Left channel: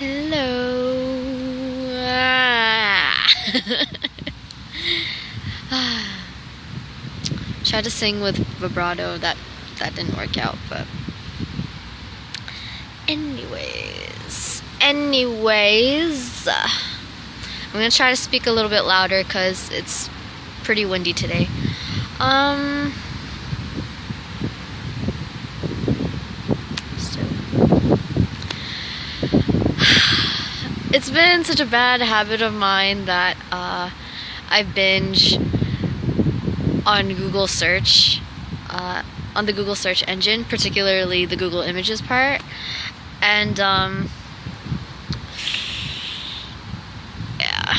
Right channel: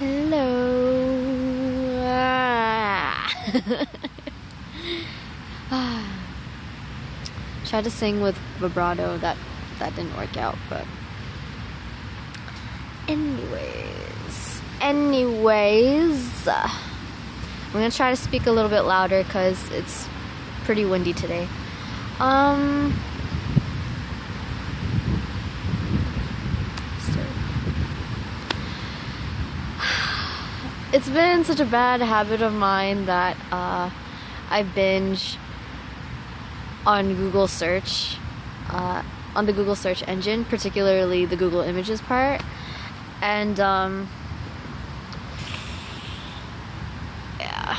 Hello. Tried to sing with vibrato. That didn't work out, but anyways, I'm gonna try to speak a little bit louder because it's pretty windy today. It's been such a bad habit of mine that I binge on Google search, on the Google search engine, particularly the Google Images part, and yeah,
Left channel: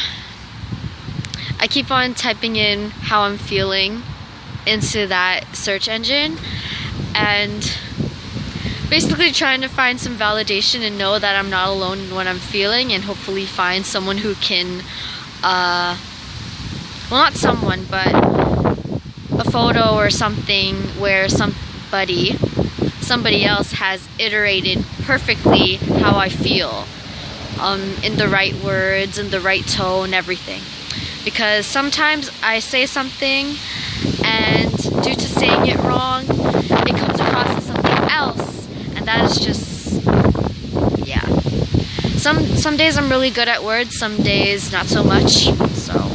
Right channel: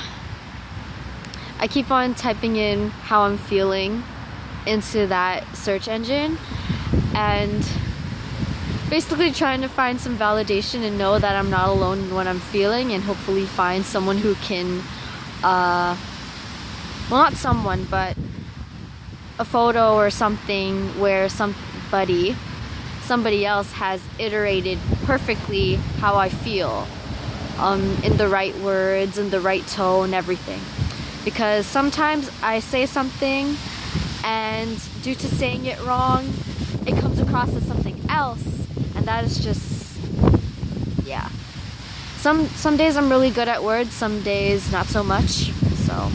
I keep on typing in how I'm feeling into that search engine, and basically trying to find some validation and know that I'm not alone in what I'm feeling, and hopefully find someone who can, well, not someone, but a photo or something where somebody else has iterated perfectly how I feel, in the right words, in the right tone, everything. Because sometimes I say something, and due to saying it wrong, it comes across as something else. And that is just, yeah. Some days I'm really good at words, some days not so much. So,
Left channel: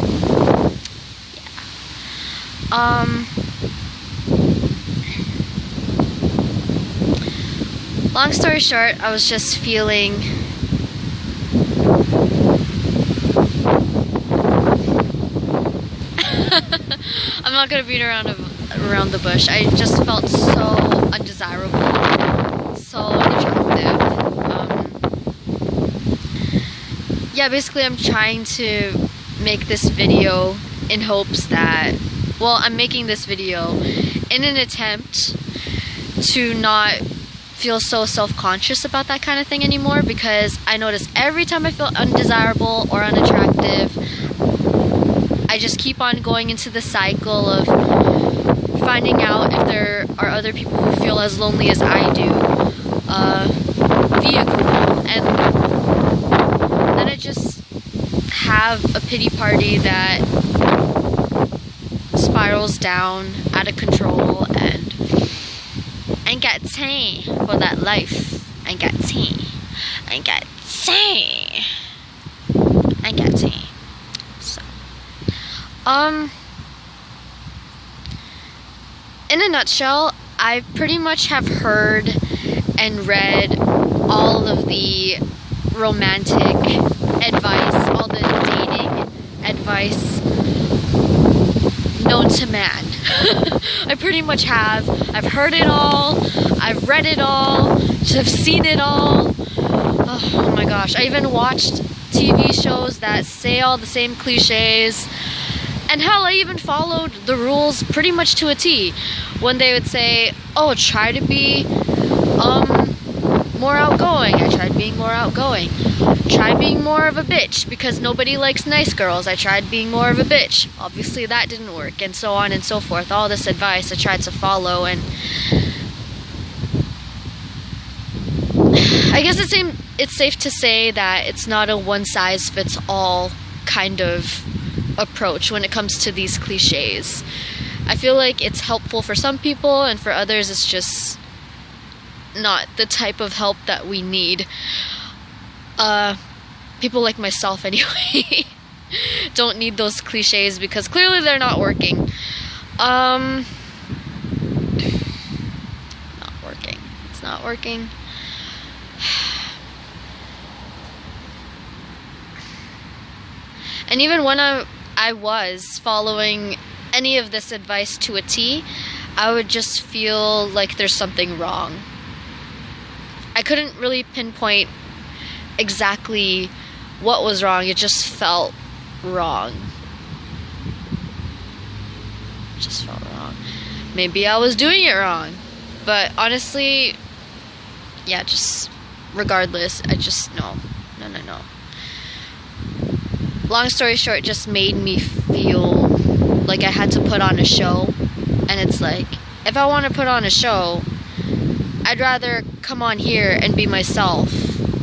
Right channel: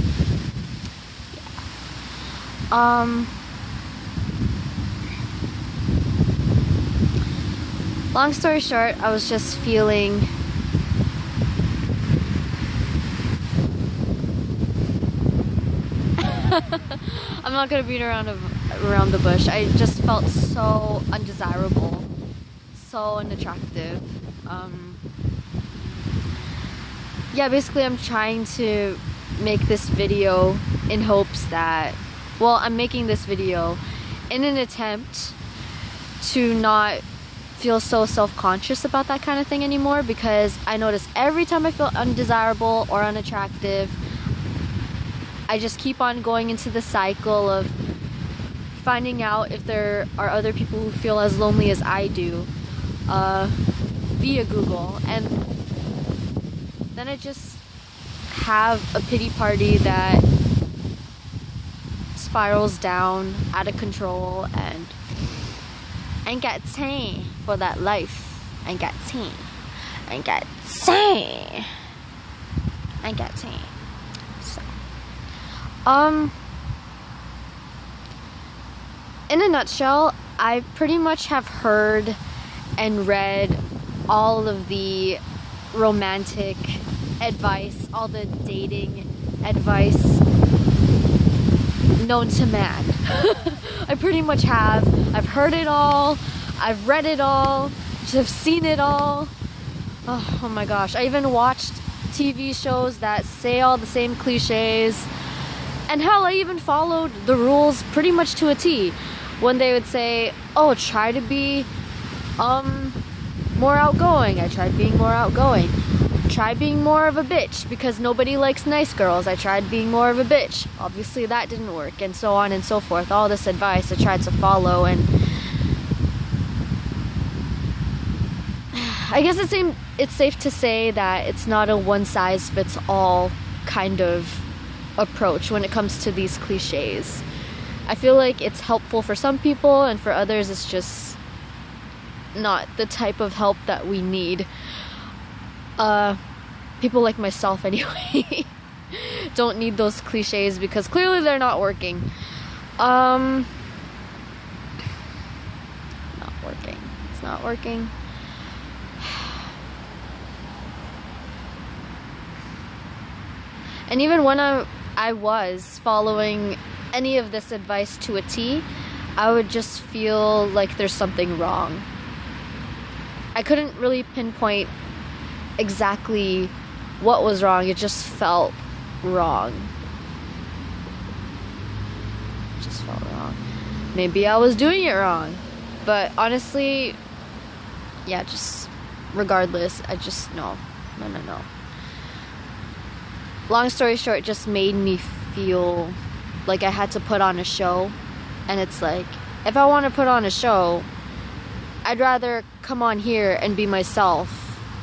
yeah. Long story short, I was just feeling I'm not gonna beat around the bush. I just felt so undesirable, so unattractive. Yeah, basically I'm trying to make this video in hopes that, well, I'm making this video in an attempt to not feel so self-conscious about that kind of thing anymore, because I notice every time I feel undesirable or unattractive, I just keep on going into the cycle of finding out if there are other people who feel as lonely as I do via Google, and then I just have a pity party that spirals down out of control, and ain't got time for that life. Ain't got time. Ain't got time. Ain't got time. So, in a nutshell, I pretty much have heard and read all of the romantic advice, all the dating advice known to man. I pretty much have. I've heard it all, I've read it all, I've seen it all. Oh my gosh, I even watched TV shows that say all the same cliches. And hell, I even followed the rules pretty much to a T. When they would say, oh, try to be more outgoing. I tried being more outgoing. Try being more of a bitch because nobody likes nice girls. I tried being more of a bitch. Obviously that didn't work, and so on and so forth. All this advice I tried to follow, and I guess it's safe to say that it's not a one-size-fits-all kind of approach when it comes to these cliches. I feel like it's helpful for some people, and for others it's just not the type of help that we need. People like myself anyway don't need those cliches because clearly they're not working. Not working. It's not working. And even when I was following any of this advice to a T, I would just feel like there's something wrong. I couldn't really pinpoint exactly what was wrong. It just felt wrong. It just felt wrong. Maybe I was doing it wrong, but honestly, yeah, just regardless, I just no. Long story short, it just made me feel like I had to put on a show. And it's like, if I want to put on a show, I'd rather come on here and be myself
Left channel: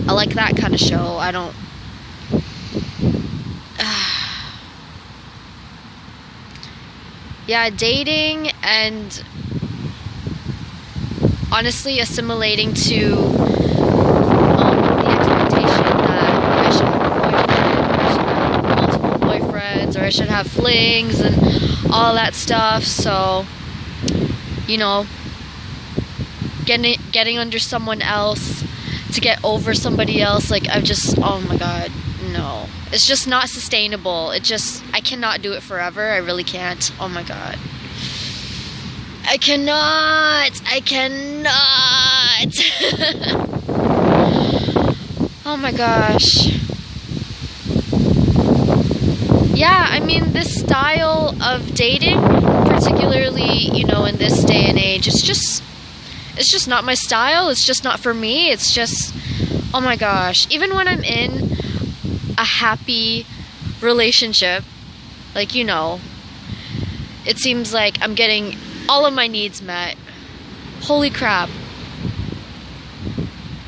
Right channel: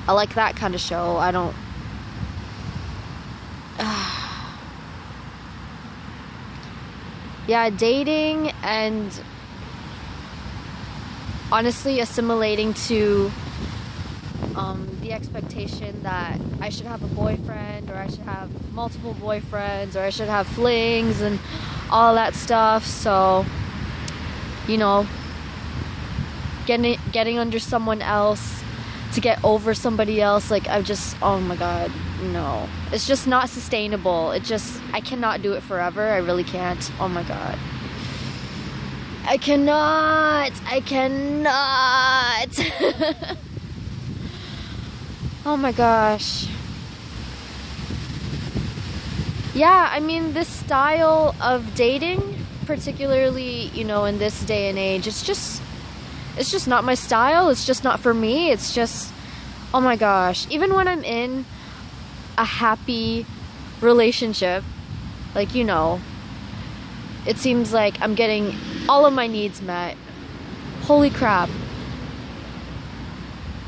I like that kind of show. I don't... yeah, dating and honestly assimilating to the expectation that I should have a boyfriend, or I should have multiple boyfriends, or I should have flings and all that stuff. So, you know, getting under someone else to get over somebody else, like, I've just, oh my god, no. It's just not sustainable. I cannot do it forever. I really can't. Oh my god. I cannot. Oh my gosh. Yeah, I mean, this style of dating, particularly, you know, in this day and age, it's just not my style. It's just not for me. It's just, oh my gosh. Even when I'm in a happy relationship, like, you know, it seems like I'm getting all of my needs met. Holy crap.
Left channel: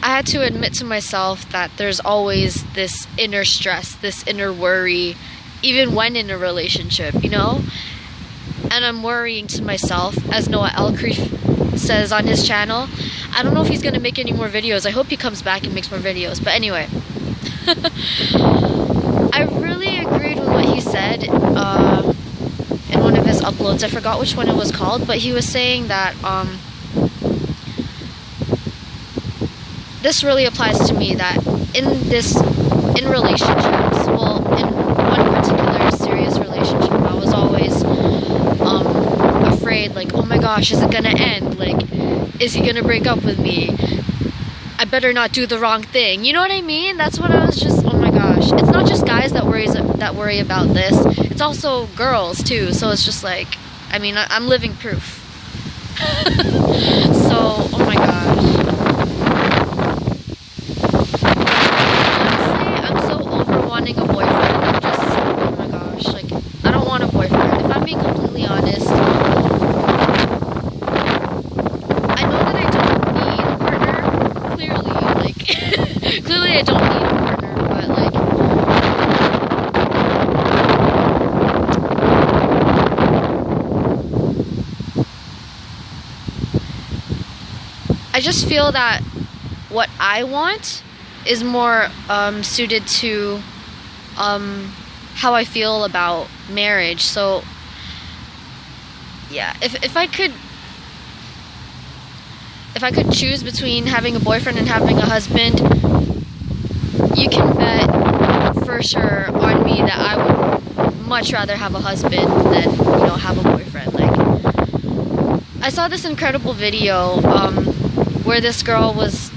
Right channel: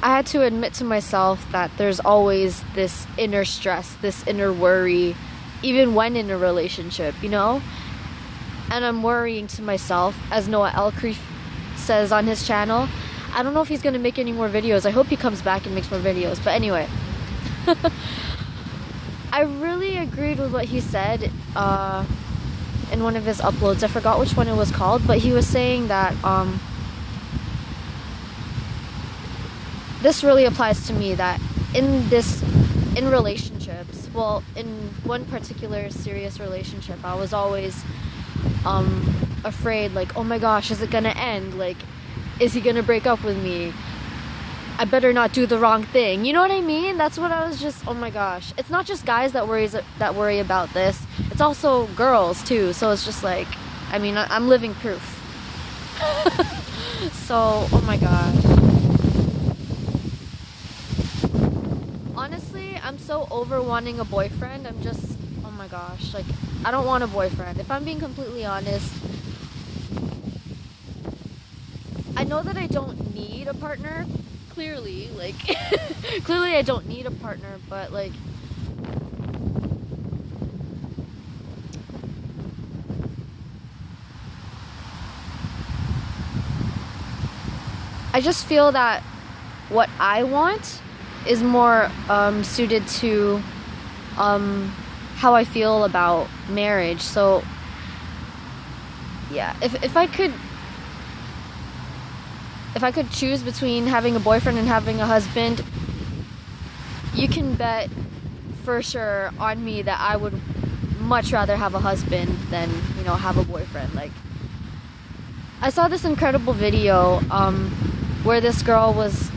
I had to admit to myself that there's always this inner stress, this inner worry, even when in a relationship, you know? And I'm worrying to myself, as Noah Elcreef says on his channel. I don't know if he's gonna make any more videos. I hope he comes back and makes more videos. But anyway, I really agreed with what he said in one of his uploads. I forgot which one it was called, but he was saying that this really applies to me, that in relationships, well, in one particular serious relationship, I was always afraid, like, oh my gosh, is it gonna end? Like, is he gonna break up with me? I better not do the wrong thing. You know what I mean? That's what I was just, oh my gosh. It's not just guys that worry about this. It's also girls too. So it's just like, I mean, I'm living proof. So, oh my gosh. Honestly, I'm so over wanting a boyfriend. I'm just, oh my gosh, like, I don't want a boyfriend. If I'm being completely honest, I know that I don't need a partner. Clearly, like, clearly I don't need a partner, but like, I just feel that what I want is more suited to how I feel about marriage. So yeah, if I could choose between having a boyfriend and having a husband, you can bet for sure on me that I would much rather have a husband than, you know, have a boyfriend. Like, I saw this incredible video where this girl was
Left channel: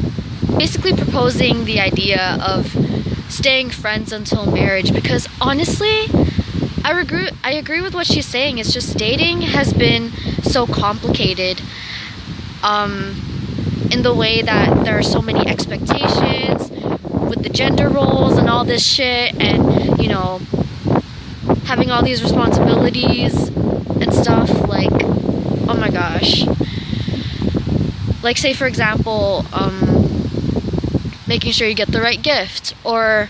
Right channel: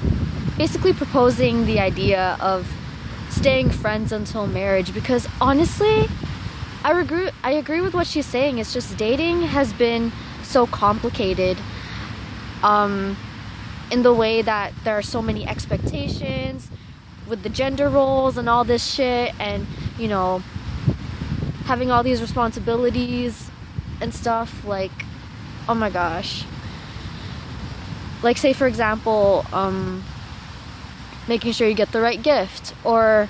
basically proposing the idea of staying friends until marriage, because honestly, I agree with what she's saying. It's just dating has been so complicated in the way that there are so many expectations with the gender roles and all this shit, and, you know, having all these responsibilities and stuff. Like, oh my gosh. Like, say for example, making sure you get the right gift, or,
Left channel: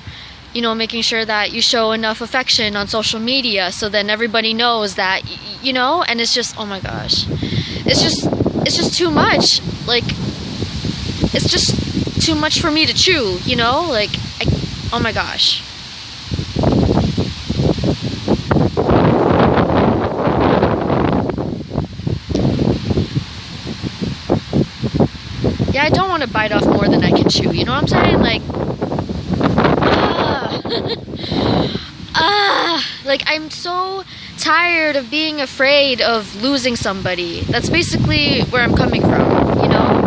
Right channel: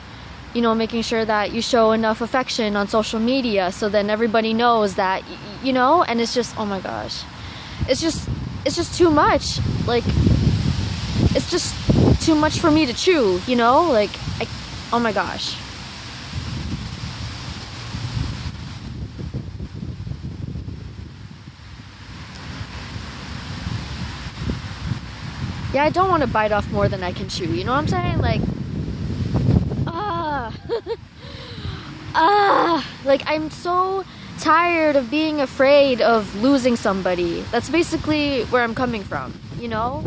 you know, making sure that you show enough affection on social media so then everybody knows that, you know, and it's just, oh my gosh, it's just too much. Like, it's just too much for me to chew, you know? Like, oh my gosh. Yeah, I don't want to bite off more than I can chew, you know what I'm saying? Like, like, I'm so tired of being afraid of losing somebody. That's basically where I'm coming from, you know?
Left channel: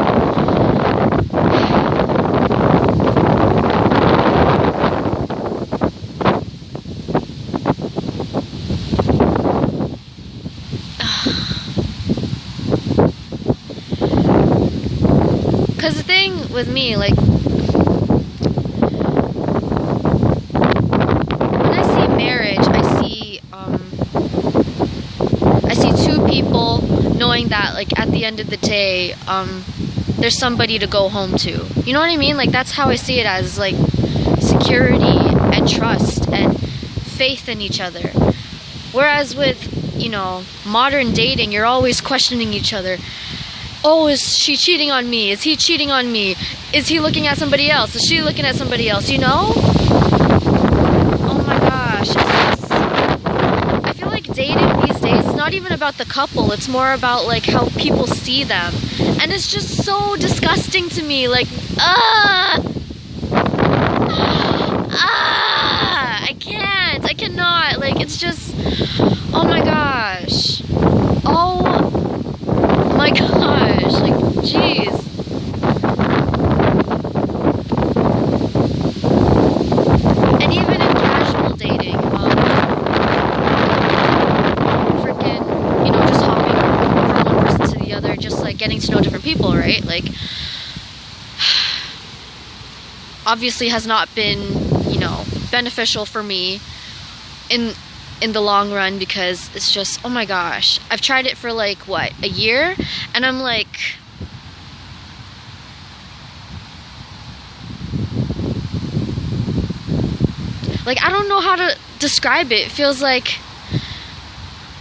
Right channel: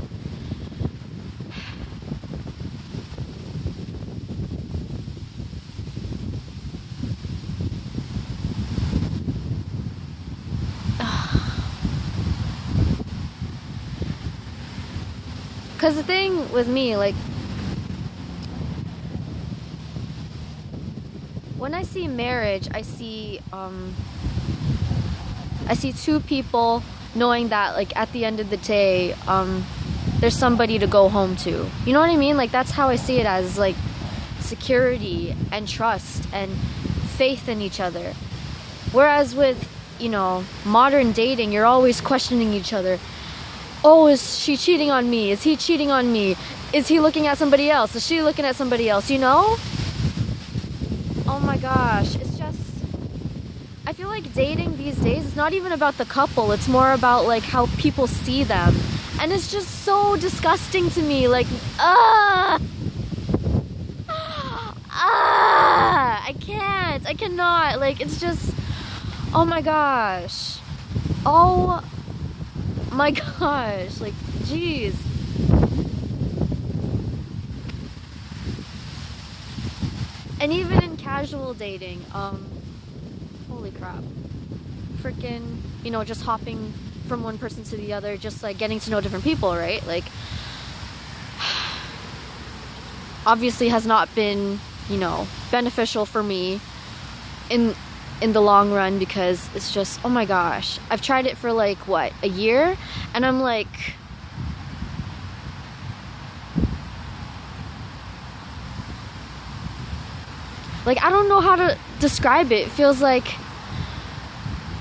Because the thing with me, like, when I see marriage, I see two people knowing that, like, at the end of the day, there's somebody to go home to. You know what I mean? Like, that's how I see it, as like security and trust and faith in each other. Whereas with, you know, modern dating, you're always questioning each other. Oh, is she cheating on me? Is he cheating on me? Is he looking at somebody else? Is she looking at somebody else? You know? Oh my gosh. I feel like dating these days is not even about the couple. It's more about like how people see them. And it's just so disgusting to me. Like, I can't. I cannot. Like, it's just, oh my gosh. Oh my gosh. Like, jeez. And even in casual dating, freaking, you know, just hopping from one person to the other, just like getting to know different people, right? Like, obviously has not been, you know, beneficial for me in the long run, because it's just, oh my gosh, I've tried it for like what, a year, and I'm like, I don't know how to describe it. It feels like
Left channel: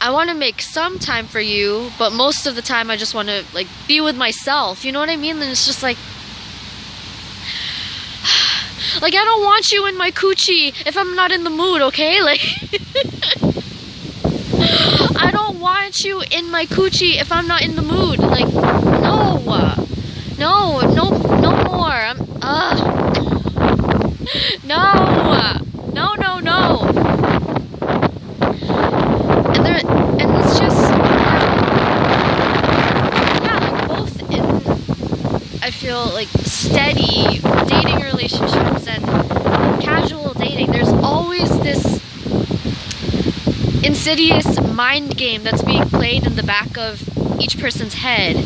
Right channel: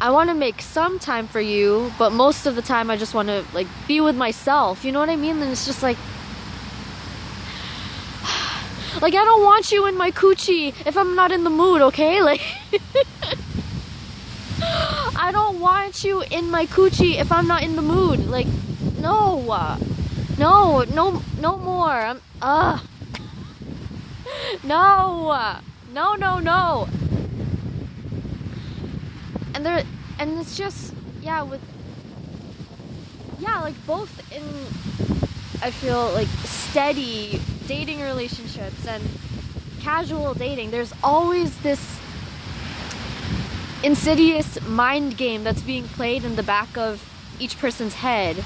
I want to make some time for you, but most of the time I just want to like be with myself. You know what I mean? And it's just like I don't want you in my coochie if I'm not in the mood, okay? Like, I don't want you in my coochie if I'm not in the mood. Like, no, no more. No. And it's just, like both in, I feel like, steady dating relationships and casual dating, there's always this insidious mind game that's being played in the back of each person's head.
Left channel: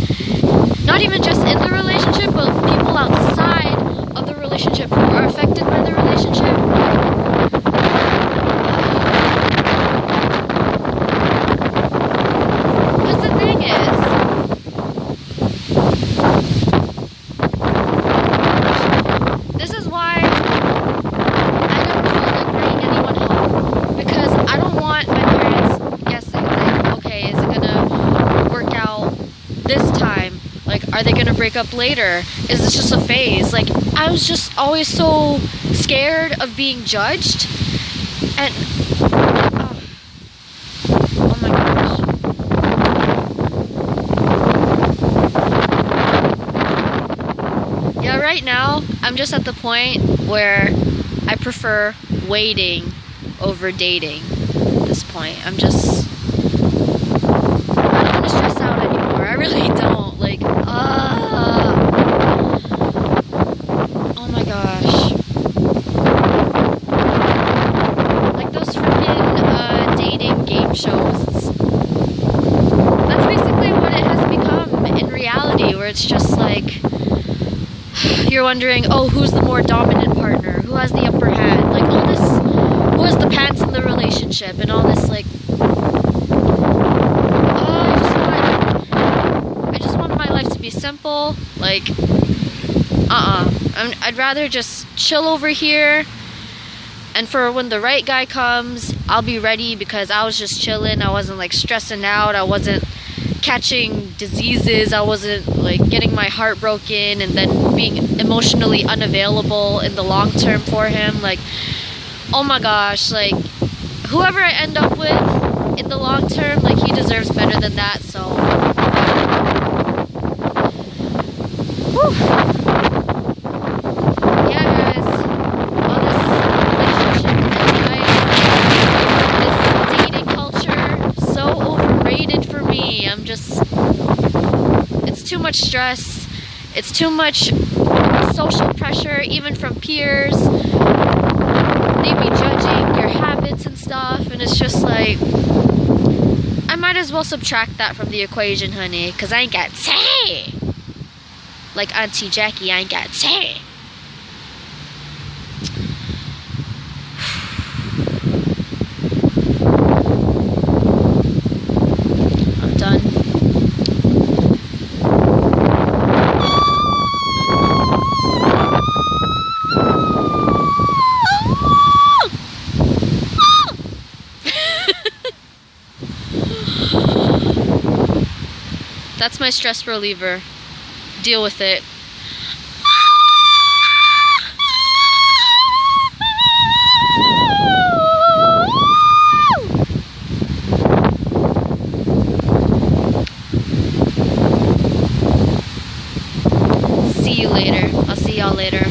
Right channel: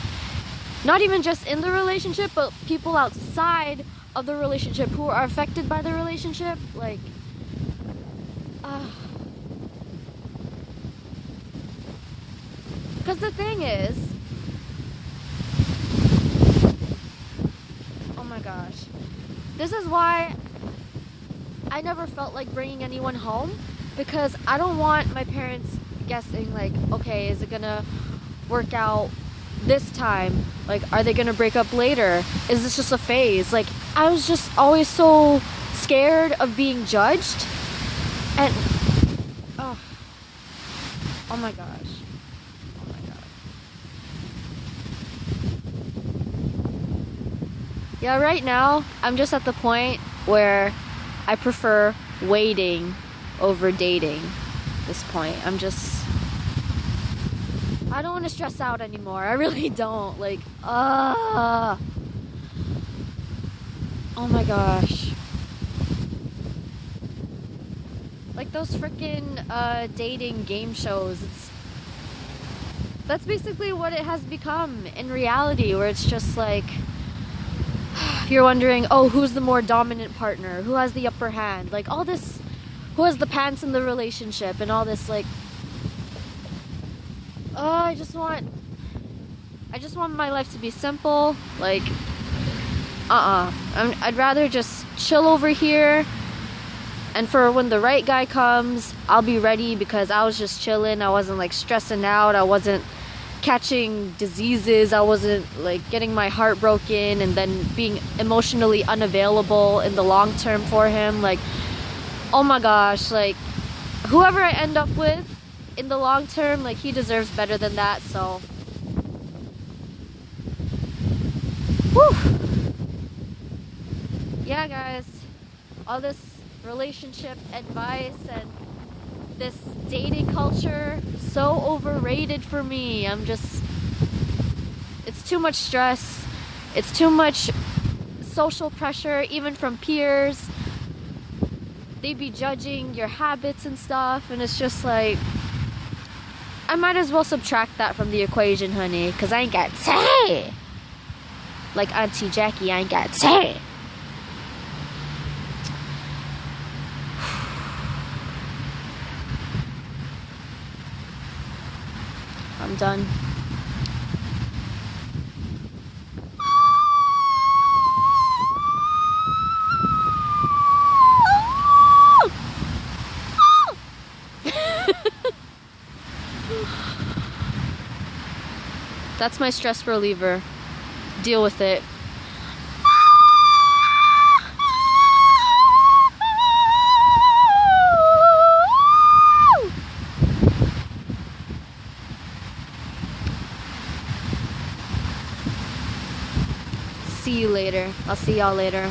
Not even just in the relationship, but people outside of the relationship who are affected by the relationship. Because the thing is, this is why I never felt like bringing anyone home, because I don't want my parents guessing, like, okay, is it gonna work out this time? Like, are they gonna break up later? Is this just a phase? Like, I was just always so scared of being judged, and oh my gosh. Yeah, right now I'm just at the point where I prefer waiting over dating. At this point, I don't want to stress out anymore. I really don't. Like, oh my gosh. Like those freaking dating game shows. That's basically what it has become in reality, where it's just like, you're wondering, oh, who's the more dominant partner? Who has the upper hand? Like, all this, who has the pants in the relationship, and all this, like, I just want my life to be simple. Like, I'd rather just chill over here, and for when the right guy comes, I'll be ready, because I was just chilling. I wasn't like stressing out. I wasn't catching diseases. I wasn't like getting my heart broken and then being emotionally unavailable in the long term for him. Like, oh my gosh, like, whoever I end up with in the long term, like, he deserves better than that. So, whew. Yeah, guys, all this relationship advice, this dating culture, so overrated for me. It's too much stress. It's too much social pressure, even from peers. They be judging your habits and stuff, and it's just like, I might as well subtract that from the equation, honey, because I ain't got say. Like Auntie Jackie, I ain't got say. I'm done. That's my stress reliever. Deal with it. See you later. I'll see y'all later.